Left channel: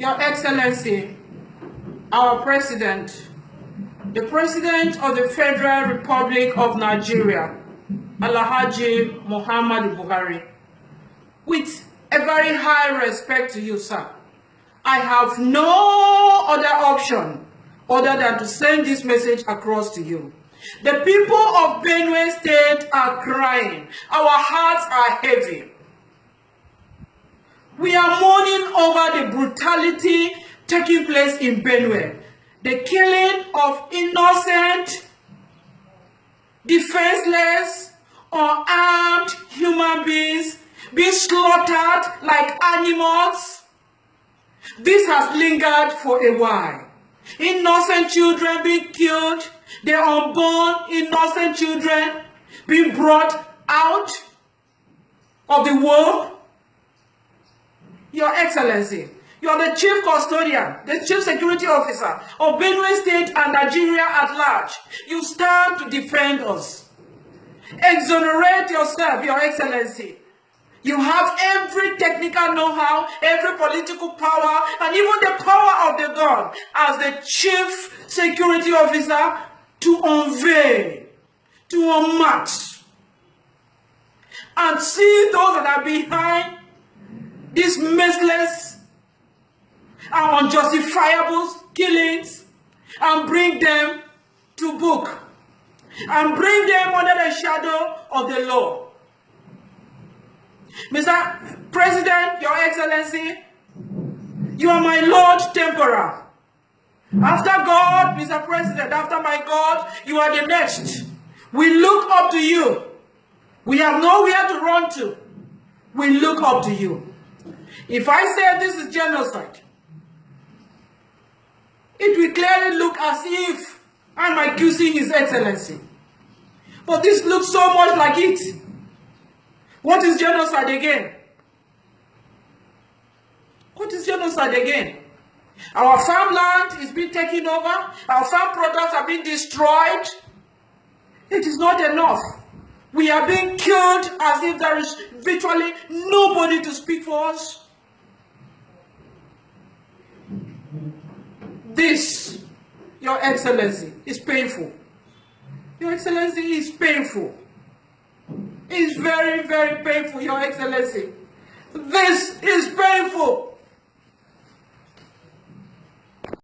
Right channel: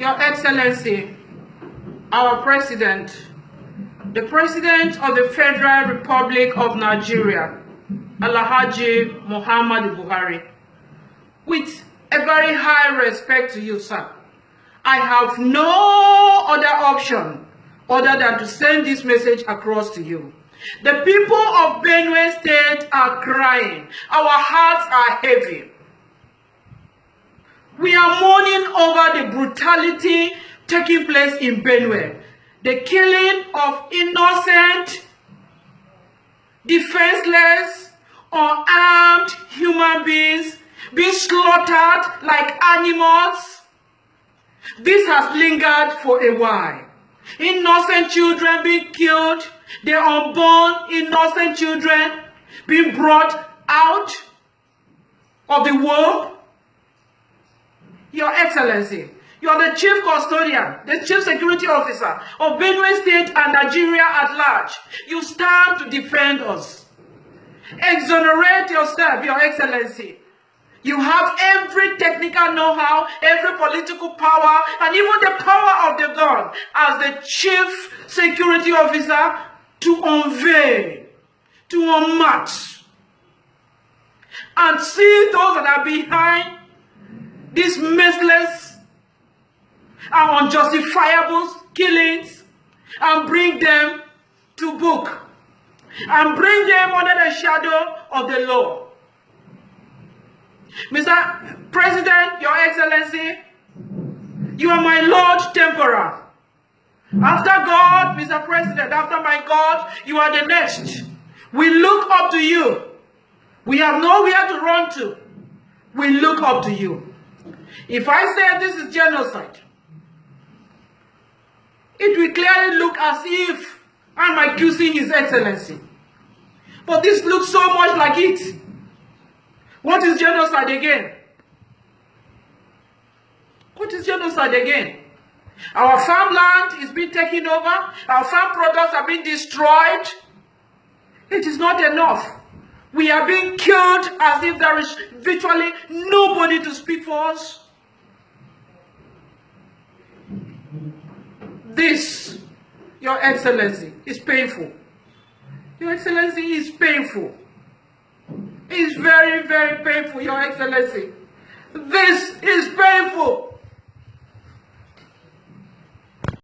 Your Excellency, our President, the President of the Federal Republic of Nigeria, Alhaji Muhammadu Buhari, with a very high respect to you, sir, I have no other option other than to send this message across to you. The people of Benue State are crying. Our hearts are heavy. We are mourning over the brutality taking place in Benue. The killing of innocent, defenseless, unarmed human beings being slaughtered like animals. This has lingered for a while. Innocent children being killed, the unborn innocent children being brought out of the womb. Your Excellency, you are the Chief Custodian, the Chief Security Officer of Benue State and Nigeria at large. You stand to defend us. Exonerate yourself, Your Excellency. You have every technical know-how, every political power, and even the power of the gun as the Chief Security Officer to unveil, to unmask, and see those that are behind these merciless and unjustifiable killings and bring them to book and bring them under the shadow of the law. Mr. President, Your Excellency, you are my Lord Temporal. After God, Mr. President, after my God, you are the next. We look up to you. We have nowhere to run to. We look up to you. If I say this is genocide, it will clearly look as if I'm accusing His Excellency. But this looks so much like it. What is genocide again? What is genocide again? Our farmland is being taken over. Our farm products are being destroyed. It is not enough. We are being killed as if there is virtually nobody to speak for us. This, Your Excellency, is painful. Your Excellency, is painful. It is very, very painful, Your Excellency. This is painful.